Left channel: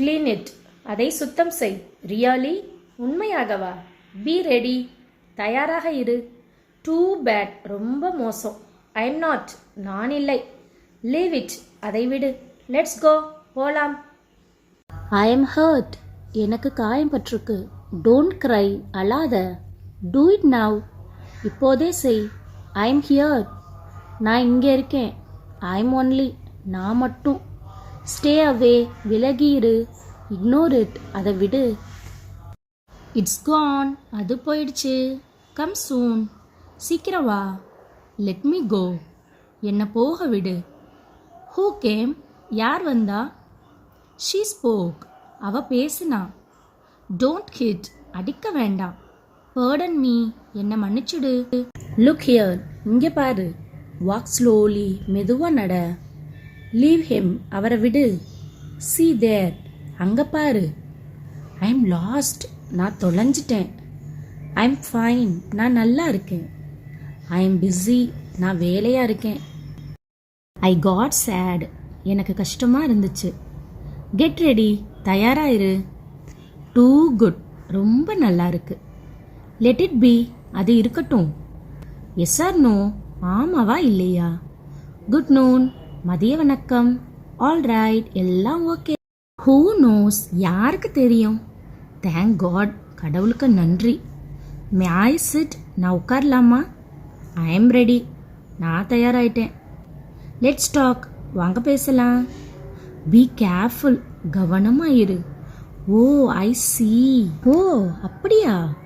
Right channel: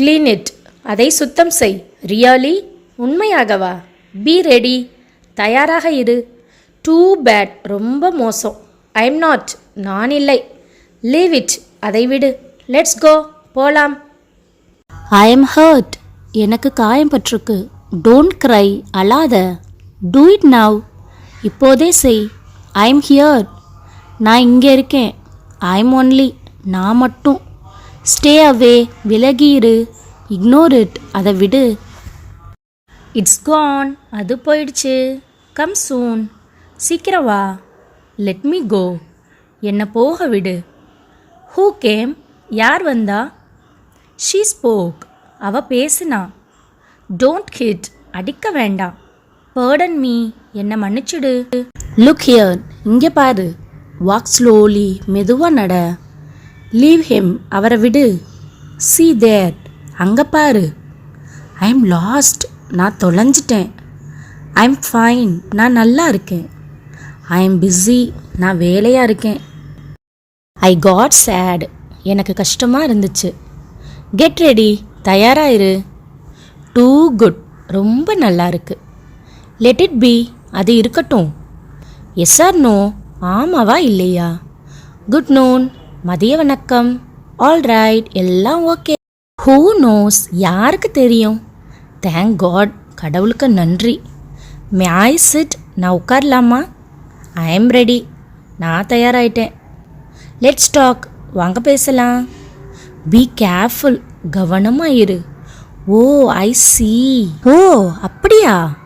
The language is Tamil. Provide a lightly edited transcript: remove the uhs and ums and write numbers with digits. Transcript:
க்ளீன் இட், அதை சுத்தம் செய். ரியலி, உண்மையாகவா? பி ரெடி, தயாராக இரு. டூ பேட், ரொம்ப மோசம். ஐ எம் நாட், நான் இல்லை. லீவ் இட், அதை விடு. லெட்ஸ் கோ, போலாம். ஐ எம் ஹர்ட், எனக்கு காயம் பட்டிருக்கு. டோன்ட் க்ரை, அழாத. டூ இட் நவ், இப்போதே செய். ஐ எம் ஹியர், நான் இங்கே இருக்கேன். ஐ எம் ஒன்லி, நான் மட்டும். ஸ்டே அவே, விலகியிரு. இக்னோர் இட், அதை விடு. இட்ஸ் கான், அது போயிடுச்சு. கம் சூன், சீக்கிரம் வா. லெட் மீ கோ, என்னை போக விடு. ஹூ கேம், யார் வந்தா? ஷீ ஸ்போக், அவ பேசுனா. டோன்ட் ஹிட், அடிக்க வேண்டாம். பர்டன் மீ, என்னை மன்னிச்சுடு. லுக் ஹியர், இங்கே பாரு. வாக் ஸ்லோலி, மெதுவாக நட. லீவ் ஹிம், அவரை விடு. see there, அங்கே பாரு. ஐ எம் லாஸ்ட், நான் தொலைஞ்சிட்டேன். ஐ எம் ஃபைன், நான் நல்லா இருக்கேன். ஐ எம் பிஸி, நான் வேலையாக இருக்கேன். ஐ காட் சேட், எனக்கு கஷ்டமாக இருந்துச்சு. கெட் ரெடி, தயாராகிரு. டூ குட், ரொம்ப நல்லா இருக்கு. லெட் இட் பி, அது இருக்கட்டும். எஸ் ஆர் நோ, ஆமாவா இல்லையா? குட் நூன், மதிய வணக்கம். ஆல் ரைட், எல்லாம் ஓகே. ஹூ நோஸ், யாருக்கு தெரியும்? தேங்க் காட், கடவுளுக்கு நன்றி. மே ஐ சிட், நான் உட்காரலாமா? ஐ எம் ரெடி, நான் தயாராகிட்டேன். லெட்ஸ் டாக், வாங்க பேசலாம். பி கேர்ஃபுல், கவனமாக இரு. ஓ ஐ சி. ஓ அப்படியா?